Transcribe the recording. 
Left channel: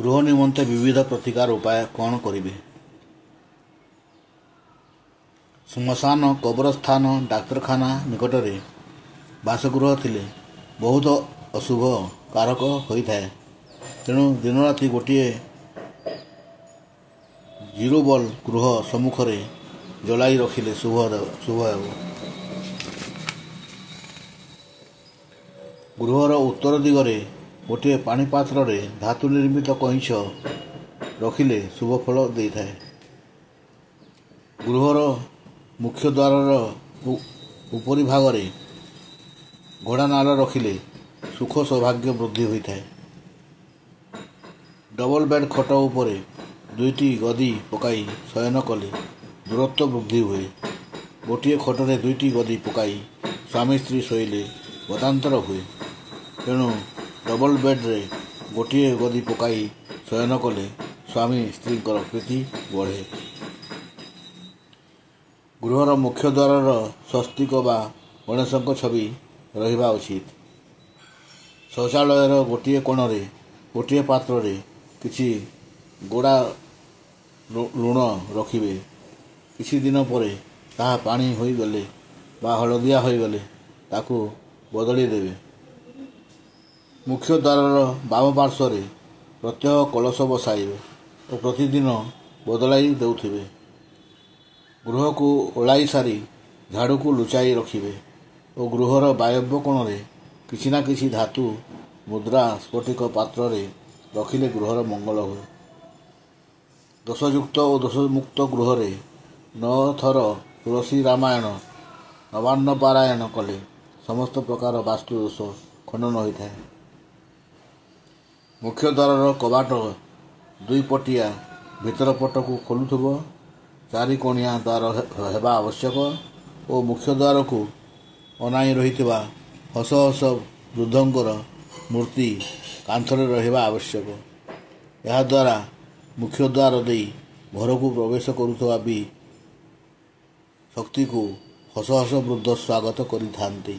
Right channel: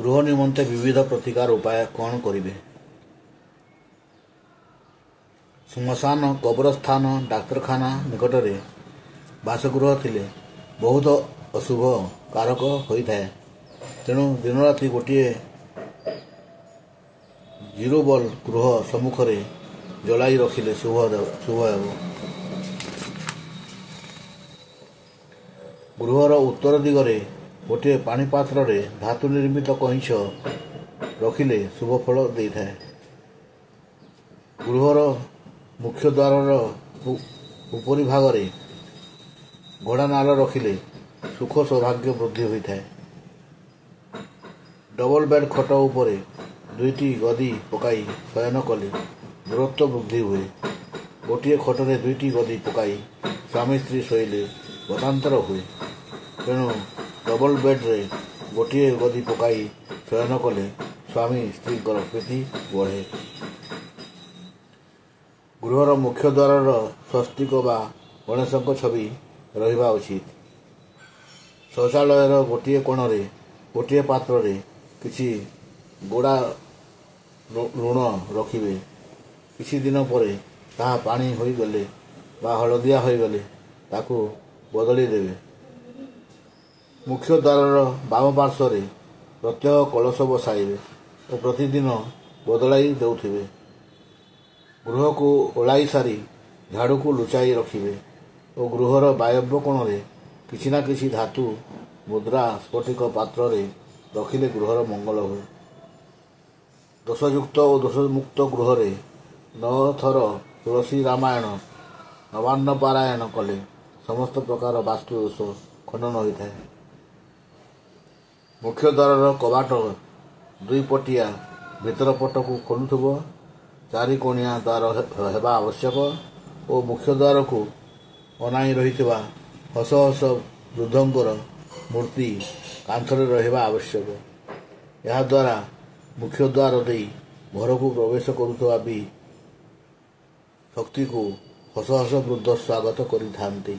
गृह निमंते विविध प्रतिकार उपाय कौन करेंगे। श्मशान कब्रस्थान डाक्तरखाना निकट में बासगृह थिले बहुत अशुभ कारक होता है। तेणु दिन राति गोटे जीरो बल गृह सम्मुख जलाई रखिले शुभ हेब। गृहर उत्तर दिगरे गोटे पाणीपात्र धातु निर्मित कईंच रखिले शुभ फल देता है। गृहर मुख्य द्वार उपरी भागरे घोड़ा नाल रखिले सुख सौभाग्य वृद्धि होता है। डबल बेड खट उपरे दुईटी गदी पकाई शयन कले दूरत्व वृद्धि हुए। गोटे खटरे दुईटी गदी पकाई स्वामी स्त्री शोइले मतांतर हुए। तेणु डबल बेड्रे गोटे गदी पकाई शयन कले स्वामी स्त्री प्रीति बढ़े। गृहर मुख्य द्वार स्वस्तिक बा गणेश छवि रहिबा उचित। शौचालयर गोटे कोणरे गोटे पात्र किछि गोड़ा लुण रखिबे। किछि दिन परे ताहा पानी होई गले बा हलदिया होई गले ताकू बदली देवे। मुख्य द्वार बाम पार्श्व प्रत्यह कलश बसाइबे और प्रतिदिन बदलाई देउथिबे। गृह को ओलाई सारी झाड़ू को लुचाई रखिबे और गृहर वायव्य कोण किछि ना किछि धातु मुद्रा स्फटिक पात्र रखिले गृहर मंगल हुए। दोषयुक्त और दोषमुक्त गृह 9 थर तुलसी रामायण नवान्न पारायण कले समस्त प्रकार वास्तु दोष खंडन होता है। मुख्य द्वार कबाट दुई पटिया भीतर पट को खोलुथबो। चारि कोणिया द्वार हेबा आवश्यक और मुख्य द्वार को अनाई रहितबा हस हस वृद्धंकर मूर्ति कांथरे रहिबा आवश्यक। यह द्वारा मुख्य द्वार दे घर को प्रवेश करुथबा भी शक्ति को हस हस वृद्ध स्वागत करिथांती।